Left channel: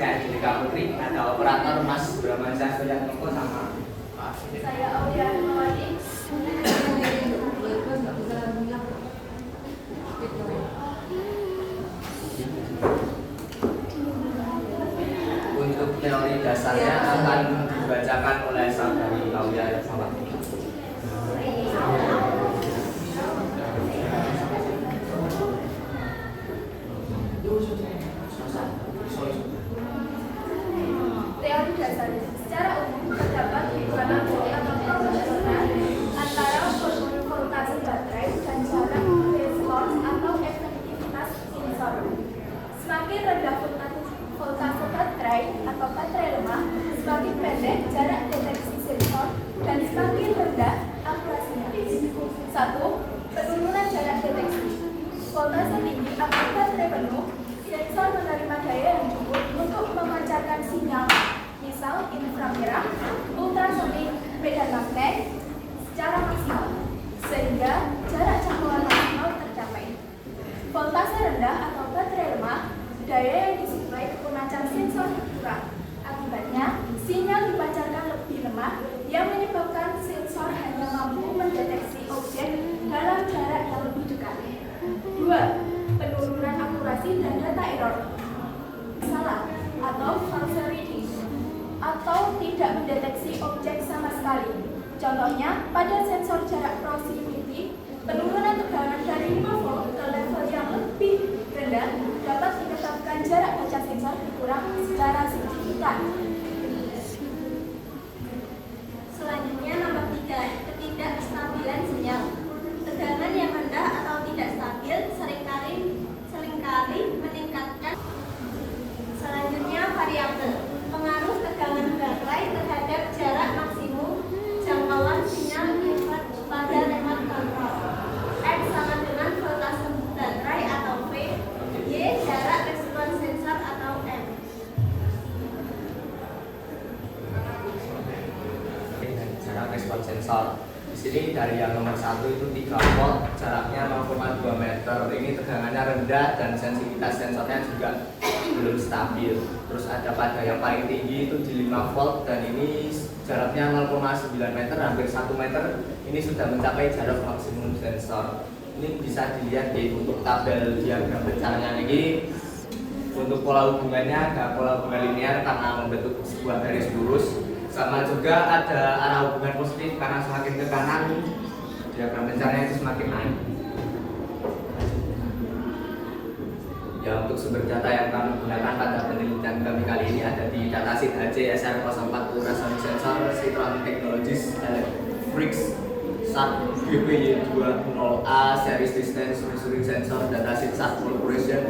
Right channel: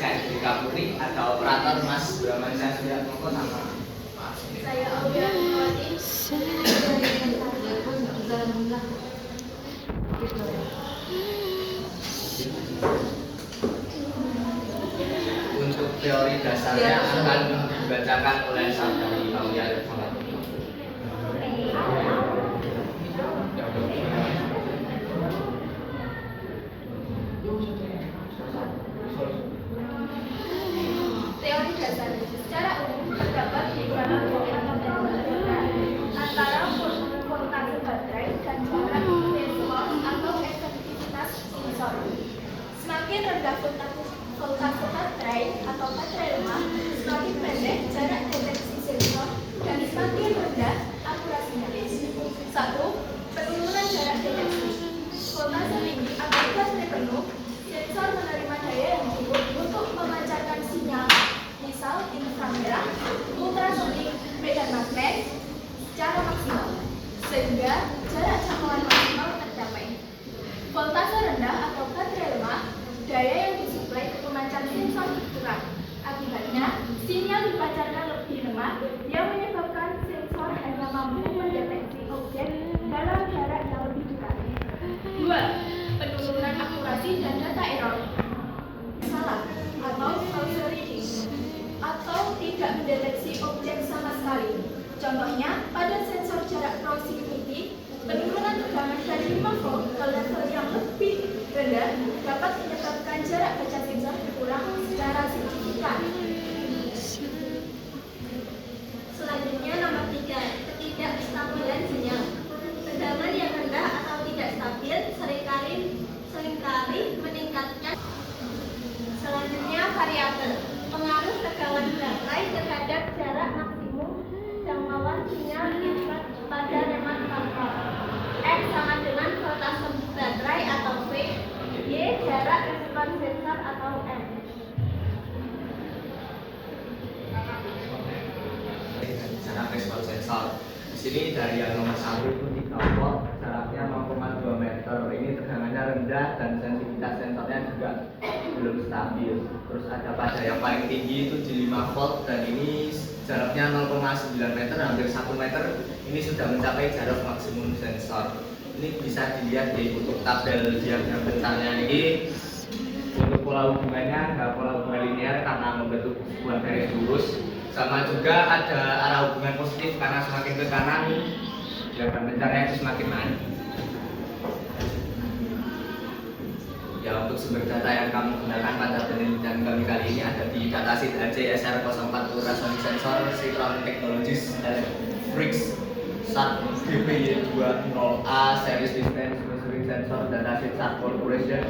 saya Jessica Putri, ada operator Mas Bramansyah Suryatmoko sama Pak. Saya Aulia Nurwati. Untuk teori dasarnya akan dibacakan oleh saudari Aulia Nurwati. Teori dasarnya secara umum terdapat hubungan dari atau proporsional antara volume voltase baterai dan jarak response atau efektivitas sensor. Semakin rendah voltase baterai atau baterai lemah, semakin pendek jarak deteksi sensor dan semakin rendah akurasinya. 1. Penurunan jarak deteksi. Voltase tinggi atau baterai penuh, sensor menerima daya yang cukup untuk memancarkan sinyal, misal inframerah, ultrasonik, medan magnet, secara maksimal, sehingga jarak jangkauan maksimal tercapai. Voltase rendah atau baterai lemah, daya yang disuplai ke pemancar sensor kurang. Akibatnya, sinyal dipancarkan lebih lemah yang menyebabkan sensor hanya mampu mendeteksi objek dalam jarak yang lebih dekat. 2. Penurunan akurasi dan data error. Salah atau false reading atau tidak mendeteksi objek sama sekali. Contohnya, pada sensor jarak proximity, penurunan tegangan dari 5 volt ke level yang lebih rendah dapat menyebabkan jarak baca sensor berkurang secara signifikan. Selanjutnya nomor 3, ketidakstabilan sinyal. Tegangan yang rendah atau tidak stabil seringkali meningkatkan. Selanjutnya variabel pengaruh tegangan baterai terhadap jarak maksimum jangkauan sinyal infrared pada remote control. X sama dengan voltase baterai atau V, Y jarak respon sensor atau M. Jarak respon sensor. Di sini dari yang nomor 1 itu 3 volt, jaraknya 0,2 meter. Ini tegangannya rendah dan sensitivitas sensornya juga belum stabil. Terus ada pada yang paling tinggi itu di 5 volt dan ini jaraknya 0,9 meter, hampir 1 meter. Ini sudah mencapai jarak maksimum sensor. Ini bisa dilihat di untuk tabel diagram besarnya ini. Untuk pola hubungannya ada pola hubungan linear karena membentuk sebuah garis lurus. Sama juga ada arah hubungan positif karena semakin ke kanan diagram besarnya itu semakin naik. Ya, untuk sumber data yang kami gunakan pada penelitian kami kali ini ada di datasheet HC SR04 Ultrasonic Sensor Citron Technologies Electrics SAT BPY20A Series Distance Measuring Sensor Datasheet SAT Corporation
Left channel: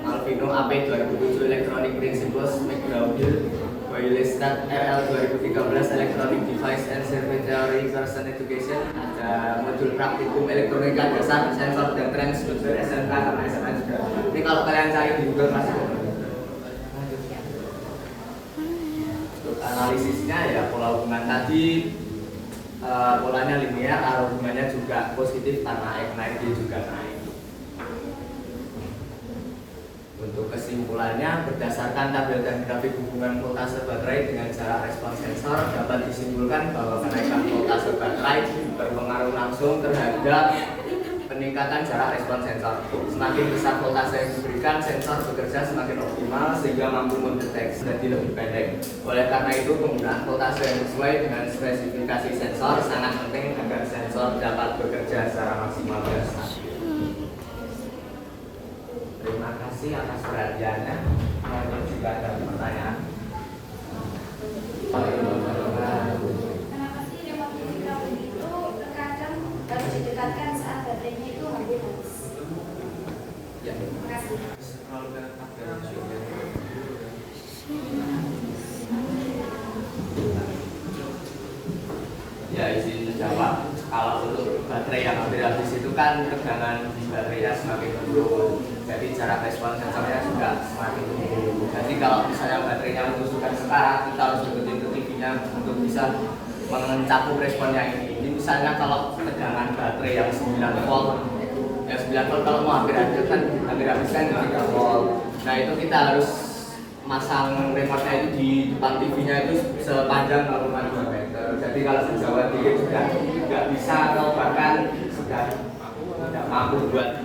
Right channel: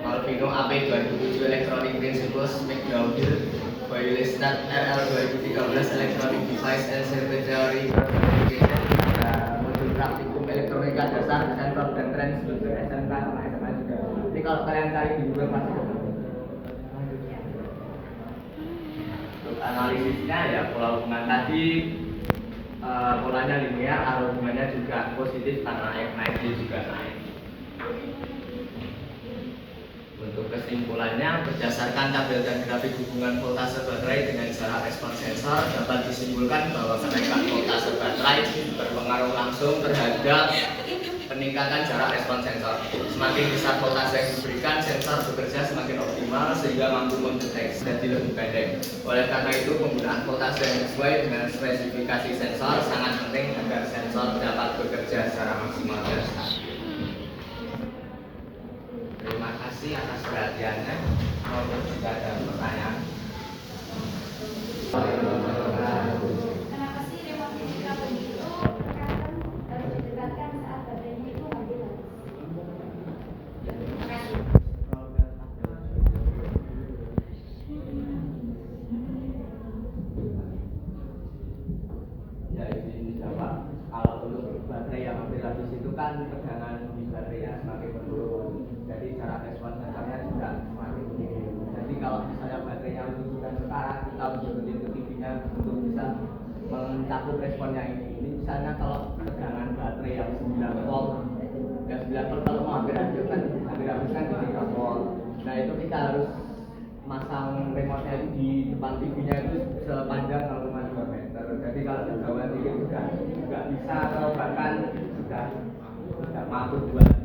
Malvino AP 2007 Electronic Principles McGraw-Hill Bailey-Stat RL 2013 Electronic Device and Circuit Theory Certification. Ada modul praktikum elektronika dasar sensor dan transducer SMK sama SMA juga. Ini kalau kalian cari di Google pasti ada. Untuk analisisnya ya pola hubungan tadi polanya linear, arah hubungannya juga positif karena X naik dia juga naik. Untuk kesimpulannya, berdasarkan tabel dan grafik hubungan voltase baterai dengan jarak respon sensor dapat disimpulkan bahwa kenaikan voltase baterai berpengaruh langsung terhadap peningkatan jarak respon sensor. Semakin besar voltase yang diberikan, sensor bekerja semakin optimal sehingga mampu mendeteksi jadi lebih pendek. Oleh karena itu, penggunaan voltase yang sesuai dengan spesifikasi sensor sangat penting agar sensor dapat bekerja secara maksimal dan stabil. Terima kasih atas perhatiannya. Mungkin juga ada pertanyaan. Kenapa sih remote TV itu terkadang harus didekatkan saat baterainya itu habis? Ya. Terima kasih. Ya, izin menjawab. Kalau untuk baterai yang hampir habis itu kan tegangan di baterainya semakin menurun. Jadi jarak respon sensornya juga semakin menurun. Jadi kalau misalnya baterainya membutuhkan sekarang, kita harus deketin ke TV-nya untuk bisa mencakup responnya ini. Ini misalnya kalau tegangan baterai yang 9 volt, yang 9 volt kalau mau hampir habis kan 3 volt. Nah itu kita harus masang remote-nya itu di depan TV-nya itu sepanjang 0,2 meter. Jadi kalau sejauh dikit sudah nggak bisa atau bahkan sudah tidak mampu buat